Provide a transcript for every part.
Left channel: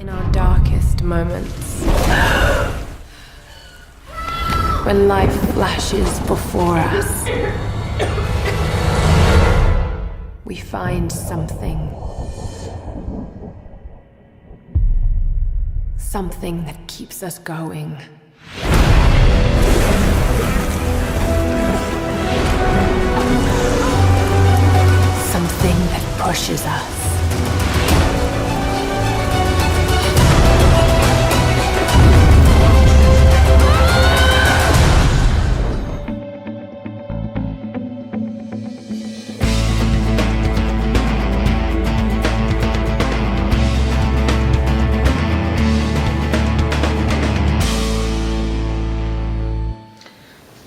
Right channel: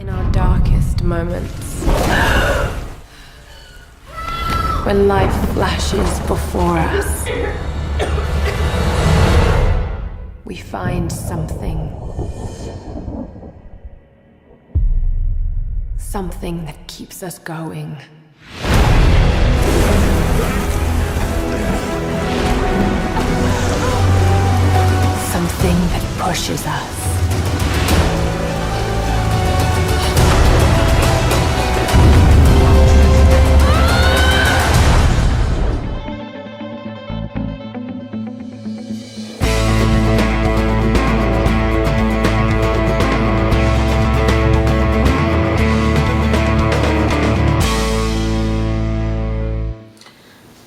In our darkest moments, when life flashes before us, we find something that keeps us going. Something that pushes us.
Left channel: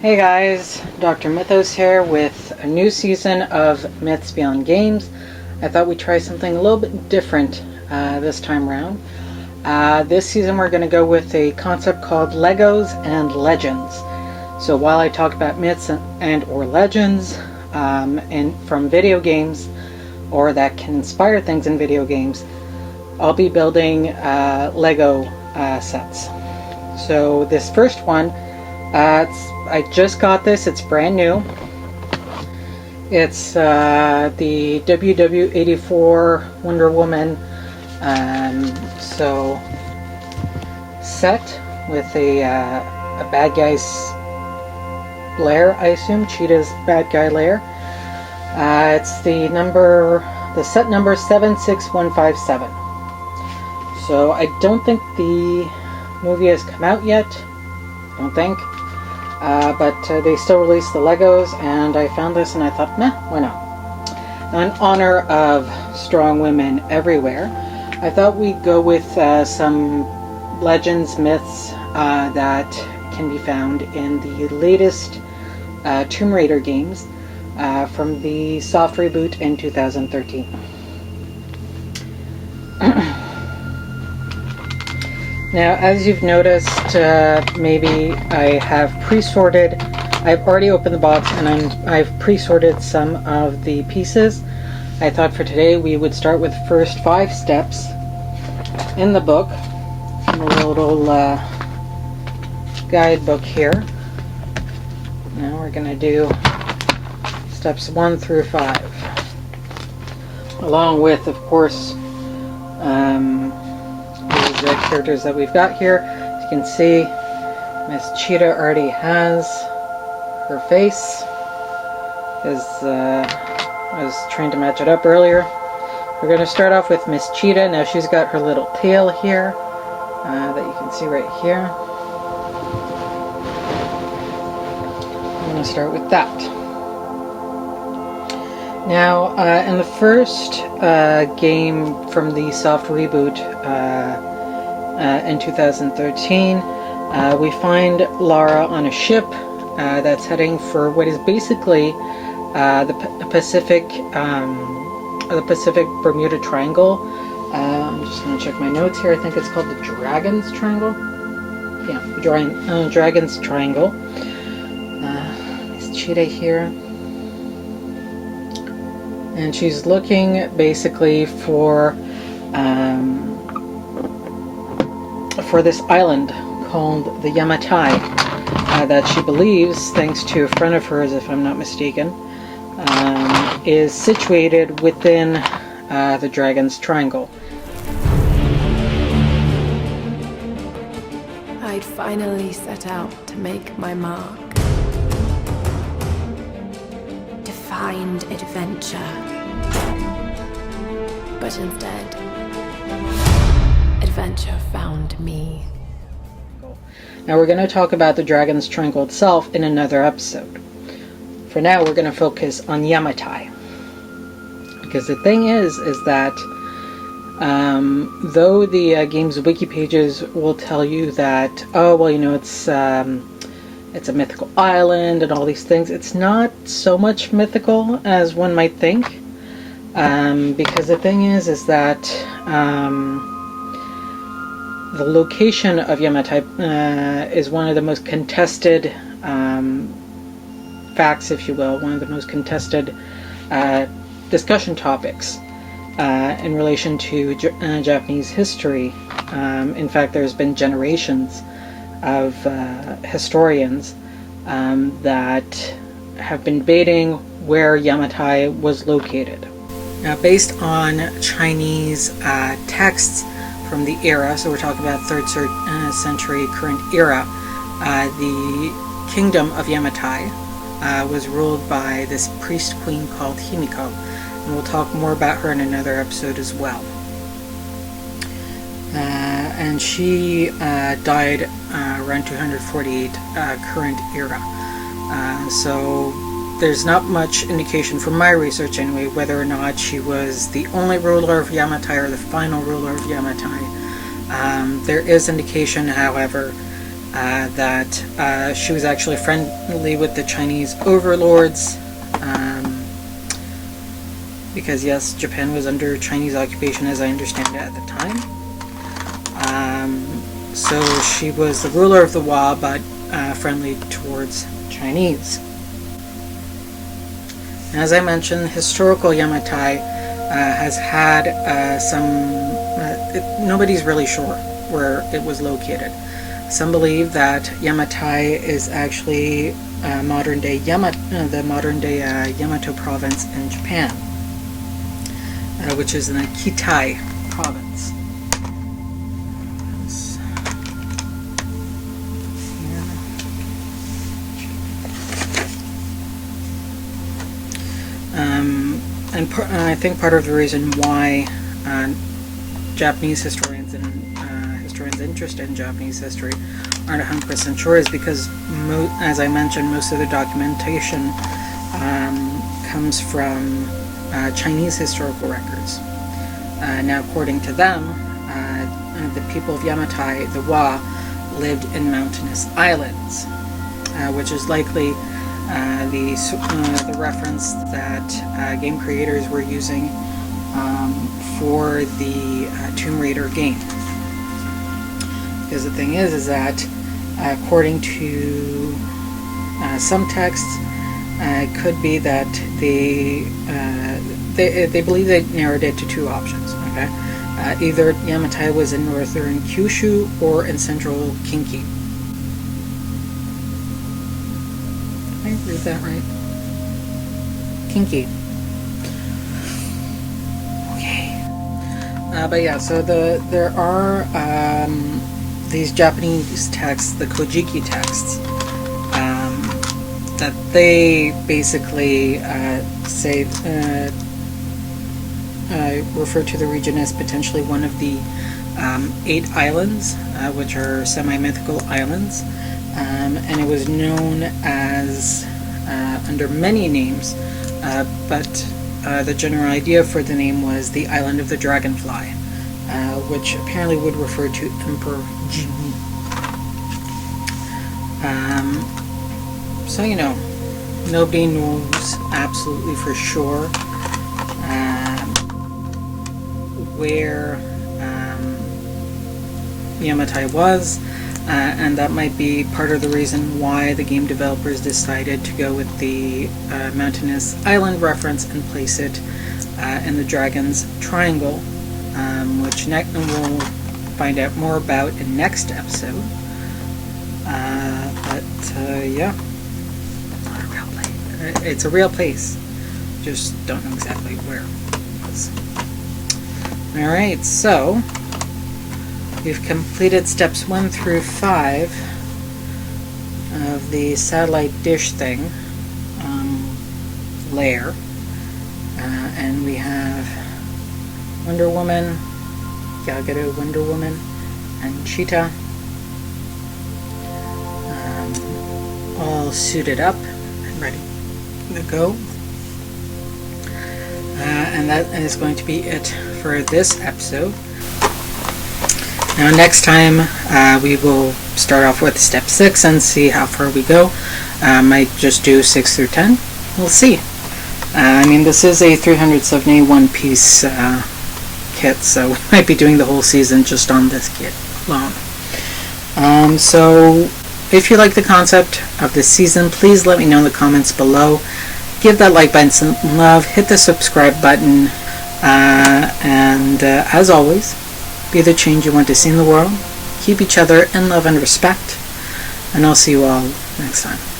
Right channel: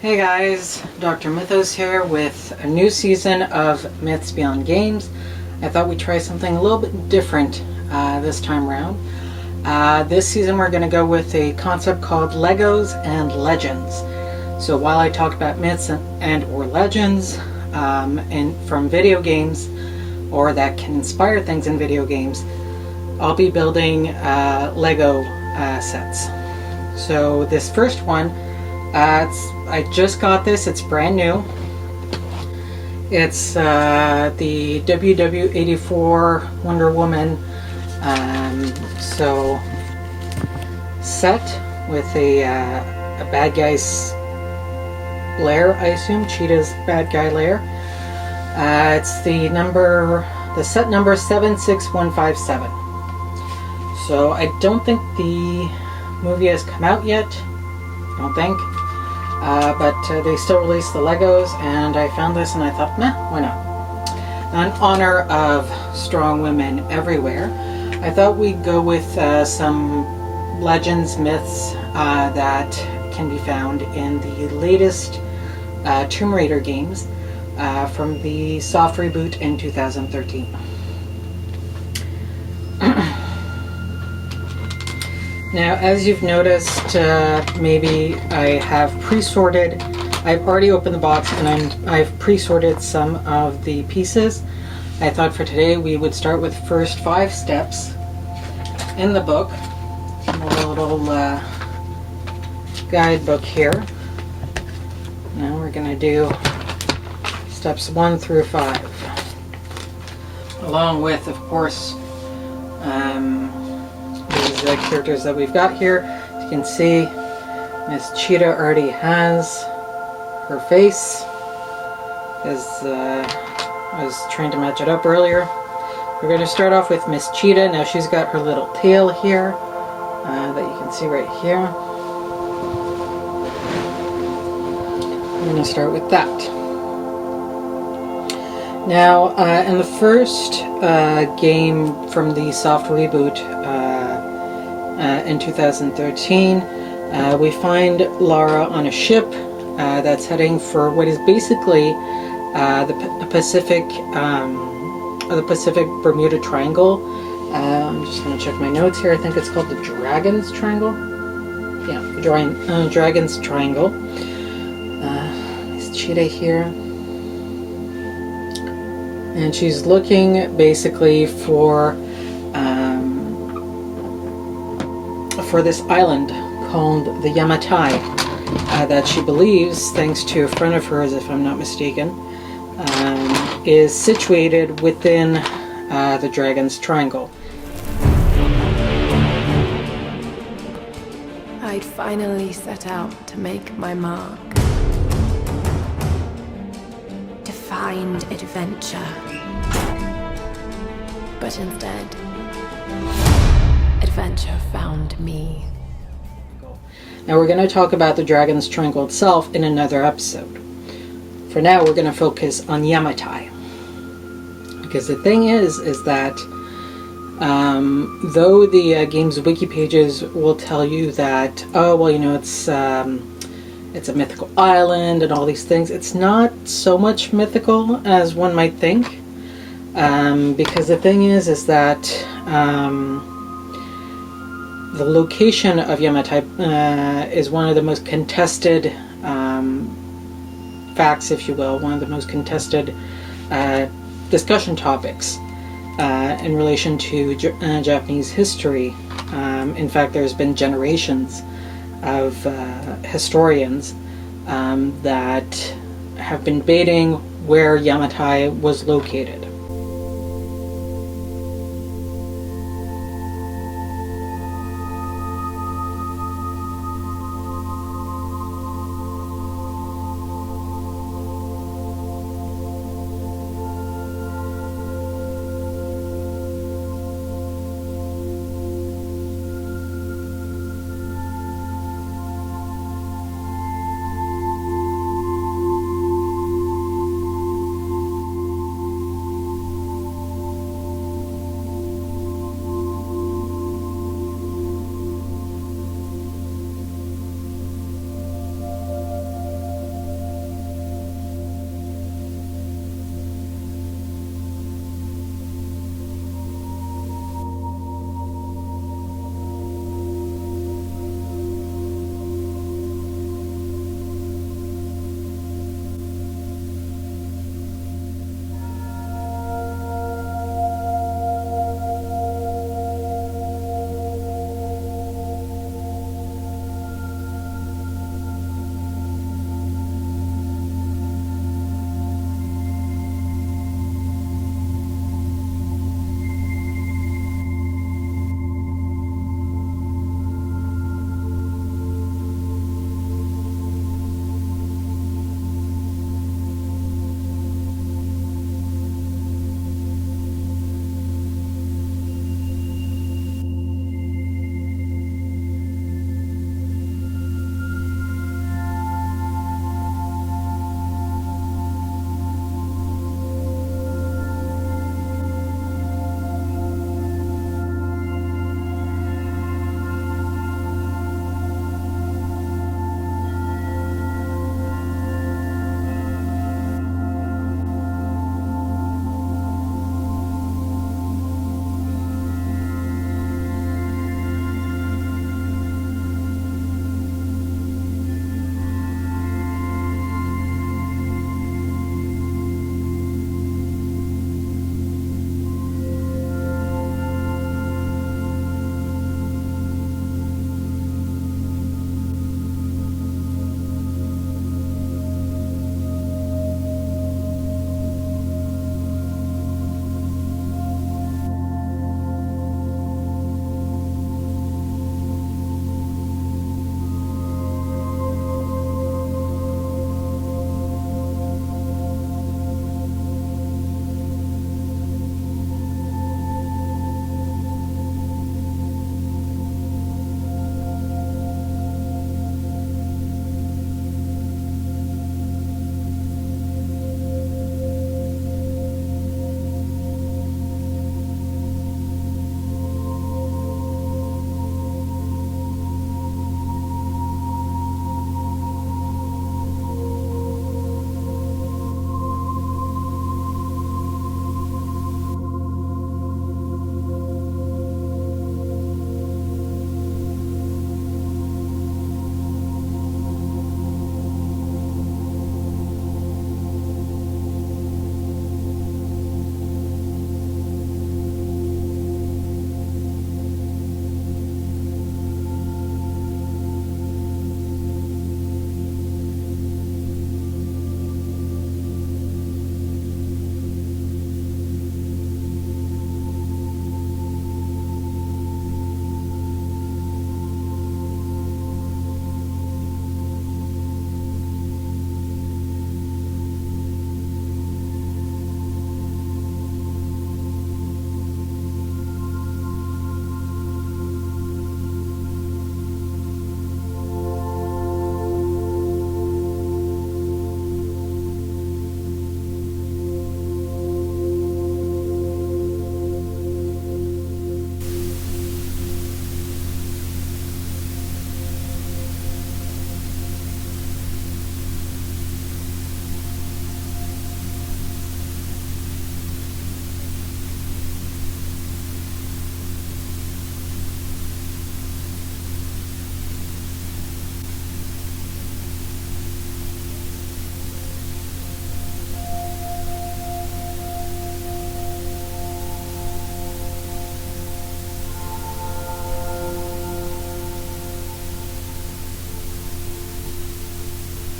Hey guys, DrMythos here with a new season of Myths Beyond Games. I thought we'd try something a little bit different this time around. This season we're going to go with a concept called Legos and Legends. So while I talk about myths and or legends from video games, or that can inspire things in video games, I'll be building Lego sets. So this first one, I just got this, it's brand new. It's the WW84 Wonder Woman set with a bad guy's lair, I assume, Cheetah's bad guy lair. It's the set number 76157. So I don't think the movie has come out yet, I don't think. But they still release the Legos, and I found this and I thought, meh, why not? In honor of strong women everywhere, I thought we'd go with some legends, myths that can be found in the latest Tomb Raider games from the soft reboot in 2013. Now, as you've noticed, maybe I have pre-sorted. I've already opened the box and I've pre-sorted some of the pieces. I thought for today we would start with the first 5 steps in the book, in the little guidebook here. Now we're going to do steps 1 through 5, along with, of course, these characters that we've got here. As you can see, Miss Cheetah already has her face, as I was trying to match it up earlier. We're going to start off with Miss Cheetah. Now she's got her little tail here that you can see right here. I'm going to start with that. Now, in the first game from the soft reboot in 2013, we find Lara on a ship that's heading for what is basically the Pacific Bermuda Triangle. I'm just going to check my notes here. I think it's called the Dragon's Triangle. Yeah, the Dragon's Triangle. There's Cheetah here. And she's looking basically for this island called the Yamatai that she believes, thanks to a friend of hers, if I'm not mistaken, is situated within the Dragon's Triangle. I'd finally set out to make my mark. To find adventure. But instead, adventure found me. Now we're going to talk about the Dragon's Triangle itself in another episode. For now, we're going to focus on Yamatai. Because the thing is that though the game's wiki pages will tell you that, oh, well, you know, it's a mythical island and all these things, it's not so much mythical as one might think. Because the thing is that the location of Yamatai is one of the most contested facts, if you will, one of the most contested discussion topics in relation to Japanese history In fact, there's been generations of historians that have been debating where Yamatai was located. Now, based on Chinese texts from the era, so we're talking about 3rd century current era, the kingdom of Yamatai was ruled by this priest queen called Himiko, and we'll talk more about her in another episode as well. And she died around 248 current era. So there's not much indication from my research anyway whether or not she was the only ruler of Yamatai or the final ruler of Yamatai. There is indication, however, that she was actually friendly with the Chinese overlords, because yes, Japan was under Chinese occupation as I understand it at the time. So she was the ruler of the Wa, but friendly towards Chinese. As I mentioned, historical Yamatai has had nobody's really sure where it was located. Some believe that Yamatai is actually the modern day Yamato province in Japan, which is in the Kitai province. And I think part of the reason why Japanese historians and historians interested in Japanese history aren't 100% sure is because, as I mentioned, most of the documentation comes from Chinese historical records. Now, according to them, the people of Yamatai, the Wa, lived in mountainous islands, which is likely the reference that game creators were using for the Tomb Raider game. Because the thing is that according to some texts, it could be that they believe they narrowed it to two options. Okay, either Yamatai was in northern Kyushu or in central Kinki. Did I read that right? Kinki. Okay. But yeah, so there are these Japanese texts, the Kojiki texts, that they basically say refer to the region as potentially one of the 8 islands, which are semi-mythical islands. And it was known as under many names, but the general idea for the name was the Island of the Dragonfly, which apparently would refer to Emperor Jimmu. So, you know, nobody knows absolutely for sure where Yamatai was. And that might be part of the reason why the game developers decided to go with the mountainous island reference and place it in the Dragon's Triangle, which we'll find out more about in next episode. Yeah, it's a real place. Just don't know exactly where it was. Alright, so we've completed steps 1 through 5 of the satellite dish thing layer, and we have Wonder Woman, Galgado Wonder Woman, and Cheetah all suited up and ready to go. And that is going to be it for this episode. Now next time we will start off with step 6 and see how far we go. Might just do 6 through 10. We'll see. I mean, this is a 371 piece kit, so we might be doing the whole season just on this kit alone. So if you like the concept of this season, please let me know in the comments below. Give that like button some love, hit the subscribe button, and as always, be the change you want to see in the world. Keep each other in love and respect. And I'll see you all next time.